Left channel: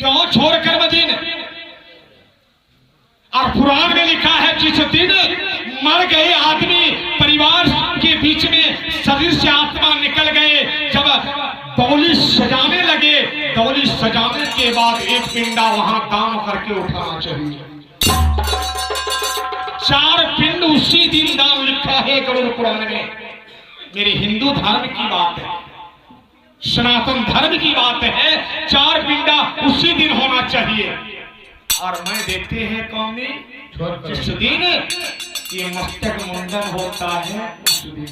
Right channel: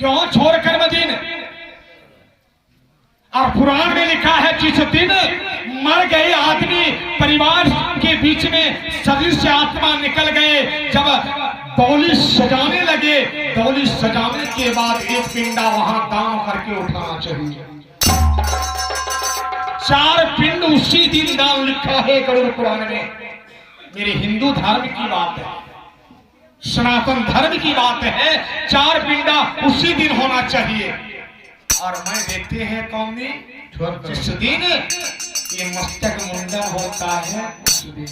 क्यों छोड़कर मदीने? और कुरान में लिखा है जिस दिन मर गए आदमी परिवार के बीच में शरीर से आत्मा निकल गए, जब डोली सजाने लगे, डोली सजाने के बाद एक पिंडा वहां दान करके उठाना चाहिए। 4 पिंड उसी दिन दान लिखा है गरुड़ पुराण में। मेरे हिंदू धर्म की बात है, सनातन धर्म की बात है, 4 पिंडा उसी दिन होना चाहिए। और मैं देखते हैं कौन दिन, जिस दिन ये मस्तक मुंडन होता है उस दिन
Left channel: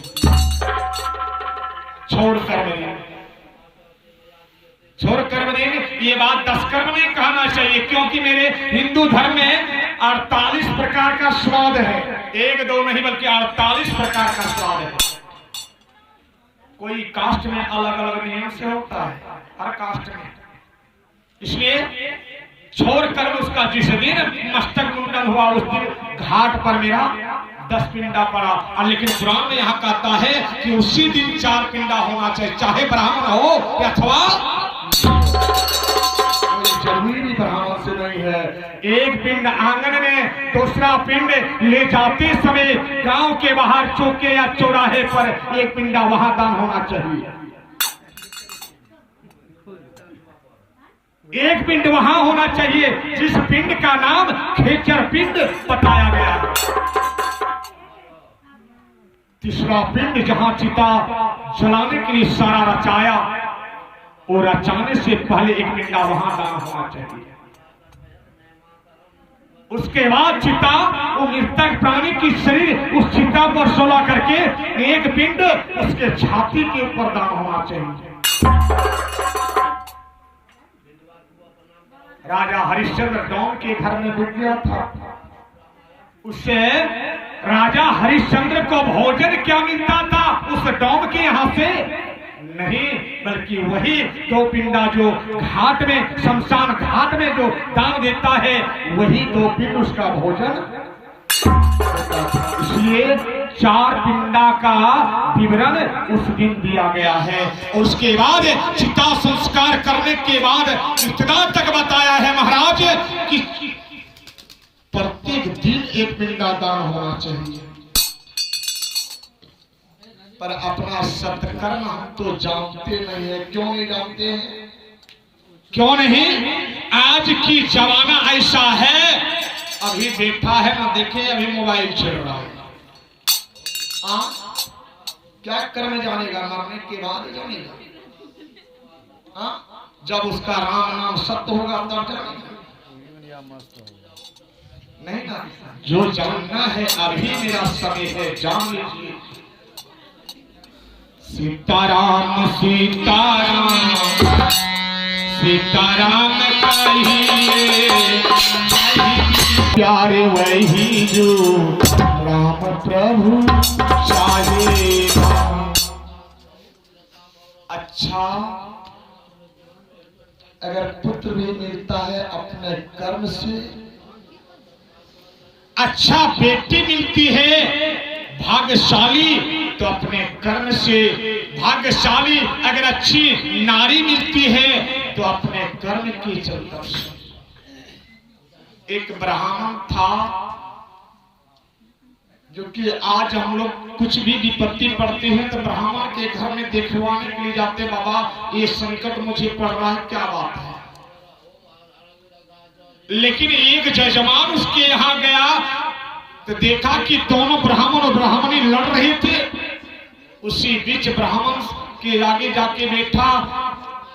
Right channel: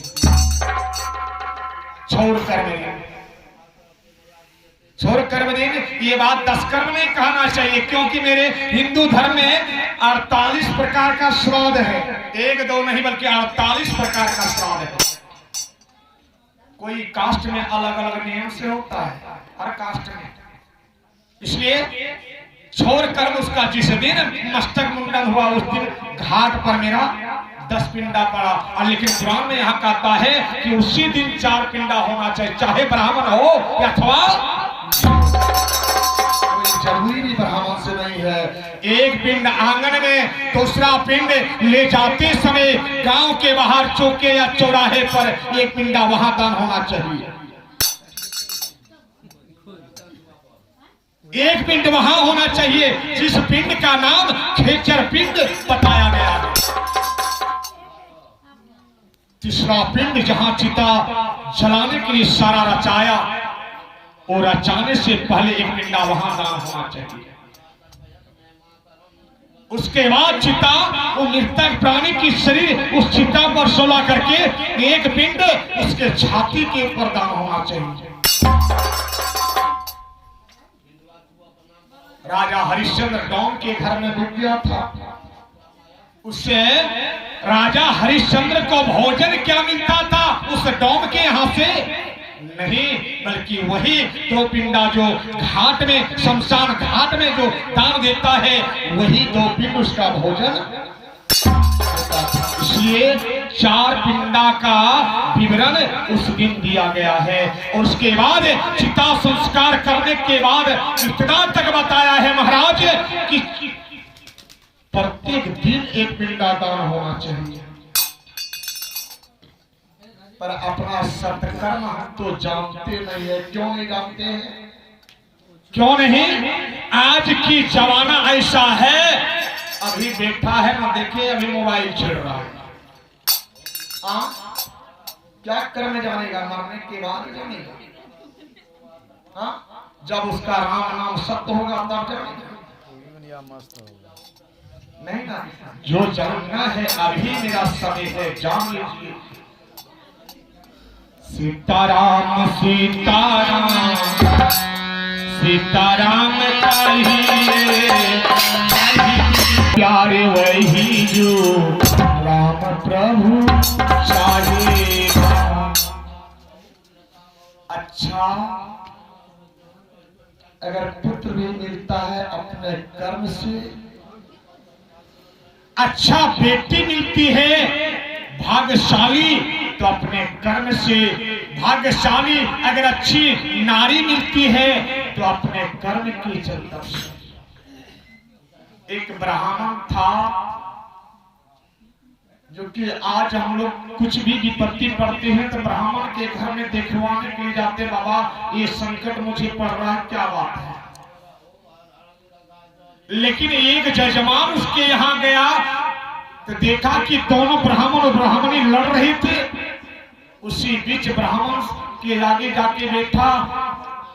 छोड़कर मदीने। ये बात 10 कर्म में कहना चाहिए, क्योंकि मेरे हिंदू धर्म में 48 प्रकार का श्राद्ध है। 1 2 नहीं बल्कि 48 प्रकार का श्राद्ध है। कोई कास्ट में अलग अलग नियम से होता है, हर कास्ट में। इसलिए छोड़ कर्म उसका जिस दिन मस्तक मुंडन हुआ उस दिन घाट पर मेरा 10 पिंडा पड़ा। और लेकिन कुरान में यहाँ कहता है कि उसी दिन 4 पिंडा होना चाहिए, चाहे ब्राह्मण हो या अथवा कोई जरूरी ब्राह्मण से नहीं है। एक पिंड आंगन में, दूसरा पिंड ले जाते समय गांव के बाहर चौके या चौराहे पर एक पिंडा वहां दान होना चाहिए। एक पिंड वहां होना चाहिए जिस पिंड का नाम खेचर पिंड बताया गया है। तीसरा पिंड जहां चिता जलाने के लिए सारा रचाया, और रचाने से पहले एक पिंडा वहां दान होना चाहिए। उसके बाद चिता, वो मृतक प्राणी की शरीर उस चिता पर सोला करके एक पिंड उसके छाती के ऊपर दान होना चाहिए। राजा हरिश्चंद्र डोम के घर में डूब गया था। उससे राजा हरिश्चंद्र को भोजन क्या मिलता था? उस डोम के यहां से नहीं, बल्कि वही 2 पिंडा जो घाट में, शमशान घाट में जो दान देता है, वही 2 पिंड उसका भोजन। इसलिए 4 पिंडा का विवरण उस दिन दिया गया है। और उसके बाद चिता संस्कार करने के बाद इतना तक बताया है महाराज कि प्रत्येक दिन एक पिंडा दान होना चाहिए। पर अपना सत्कर्म हम तो जानते नहीं है। क्यों नहीं जानते हैं? क्यों नहीं? आज की जमाना ऐसा है, अभी बैठा है ना, देखे अभी मोबाइल चल रहा है। क्या करने जानेगा? मरने के बाद जानेगा। जब उसका राम नाम सत्य होगा तब जानेगा, नहीं ना। जो जानना है अभी मेरा समय है, जान लीजिए। सीताराम सीताराम सीताराम कहिए, प्यारे वही जो राम प्रभु चाहेगा। अच्छा, अगर पुत्र भी मिलता है अपने कर्म से, अच्छा बेटी मिलती है भाग्यशाली तो अपने कर्म से, भाग्यशाली अगर अच्छी नारी मिलती है तो अपने कर्म की चलता से। एक ब्राह्मण था जो कि आज हम लोग कुछ भी विपत्ति पड़ती है तो ब्राह्मण के घर में देखवाने के लिए जाते, बाबा ये संकट मुझे पड़ रहा है, क्या बात है। लेकिन एक जजमान उसके यहां गया तो देखा कि दोनों ब्राह्मण और ब्राह्मणी लड़ रहे थे। उसी बीच ब्राह्मण के आगे जाके बैठा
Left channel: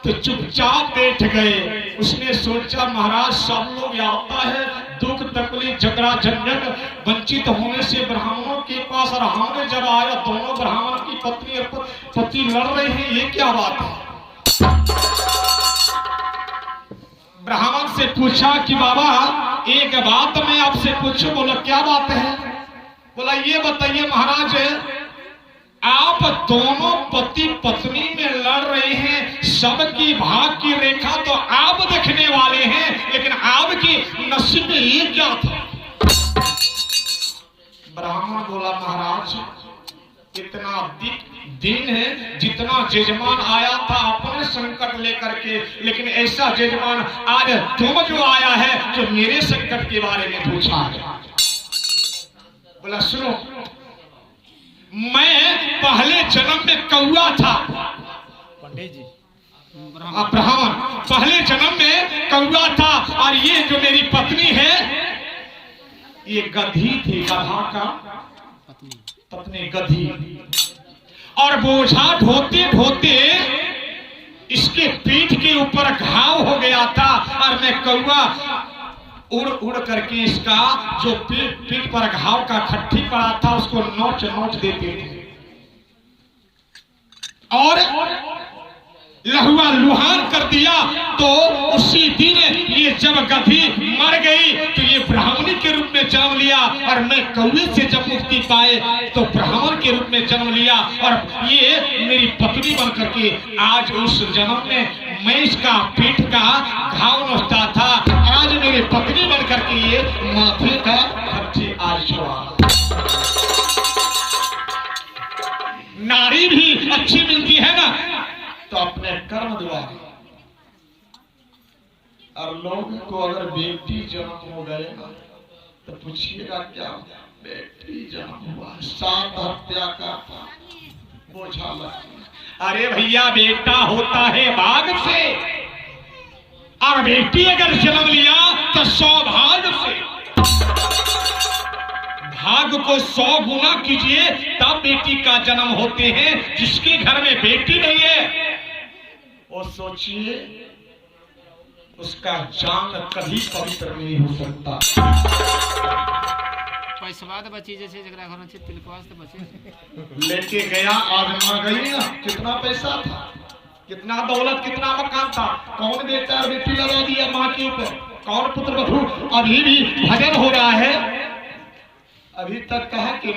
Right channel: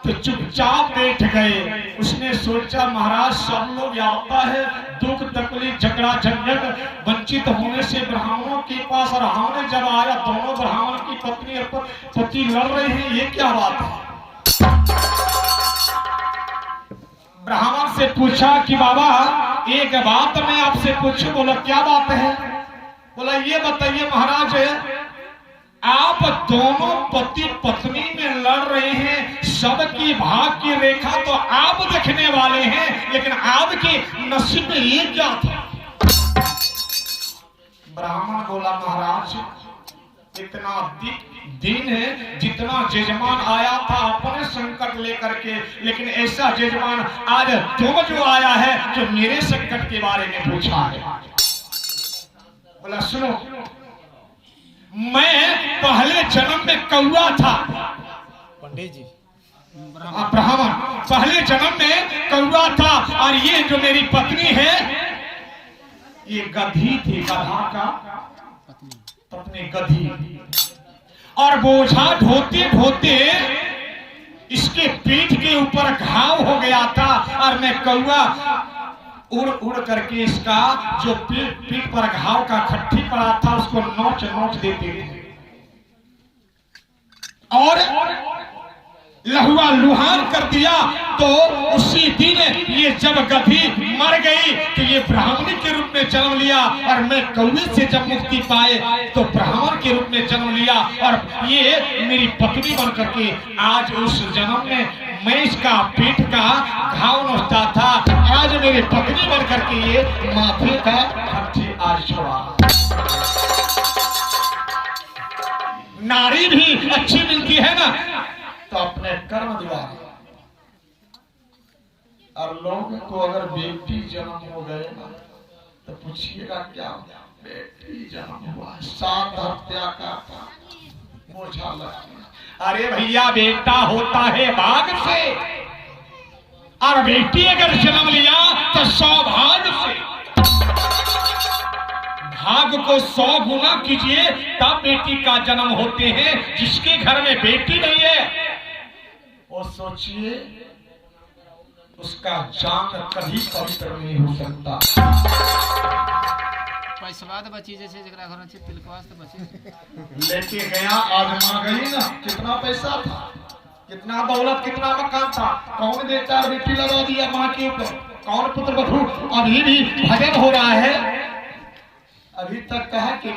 तो चुपचाप बैठ गए। उसने सोचा महाराज सब लोग आता है, दुख तकलीफ झगड़ा झंझट, वंचित होने से ब्राह्मणों के पास, और हमने जब आया दोनों ब्राह्मण की पत्नी और पति लड़ रहे हैं, ये क्या बात है। ब्राह्मण से पूछा कि बाबा एक बात मैं आपसे पूछूं। बोला क्या बात है? बोला ये बताइए महाराज, आप दोनों पति पत्नी में लड़ रहे हैं, सबकी भाग की रेखा तो आप देखने वाले हैं, लेकिन आपकी नसीब में ये क्या था? ब्राह्मण बोला महाराज इतना दिन है जितना जजमान आया था अपने संकट लेकर के, लेकिन ऐसा जजमान आज तुम जो आया है जो मेरे संकट के बारे में पूछा है। बोला सुनो, मैं पहले जन्म में कौआ था, पंडित जी ब्राह्मण पहले जन्म में कौआ था, और ये जो मेरी पत्नी है ये गधी थी, गधा का पत्नी गधी, और बोझा ढोते ढोते इसके पीठ के ऊपर घाव हो गया था, और मैं कौआ उड़ उड़ करके इसका जो पीठ पर घाव का खट्टी पड़ा था उसको नोच नोच देते थे, और लहुआ लुहान कर दिया। तो उसी दिन ये जब गधी मर गई तो ये ब्राह्मणी के रूप में जन्म लिया, और मैं कौवे से जब मुक्ति पाए तो ब्राह्मण के रूप में जन्म लिया, और ये मेरी पत्नी बन करके आज उस जन्म में मैं इसका पीठ का घाव नोचता था, आज मेरी पत्नी बन करके ये माथे का खट्टी आज छोड़ा। नारी भी अच्छी मिलती है ना तो अपने कर्म द्वारा, और लोगों को अगर बेटी जन्म हो गए ना तो पूछिएगा क्या बेटी जन्म हुआ, 7 हत्या का बोझा लगा। अरे भैया बेटा होता है भाग से, और बेटी अगर जन्म लिया तो सौभाग्य से। भाग को 100 गुना कीजिए तब बेटी का जन्म होते हैं। जिसके घर में बेटी नहीं है वो सोचिए उसका जान कभी पवित्र नहीं हो सकता। पैसा तो बची जैसे जगह घर से तिलकवास तो बची लेके गया, आजमा गई ना, कितना पैसा था, कितना दौलत, कितना मकान था, कौन बेटा बेटी लगा दिया माँ के ऊपर, कौन पुत्र बधू। अभी भी भजन हो रहा है, अभी तक कहा कि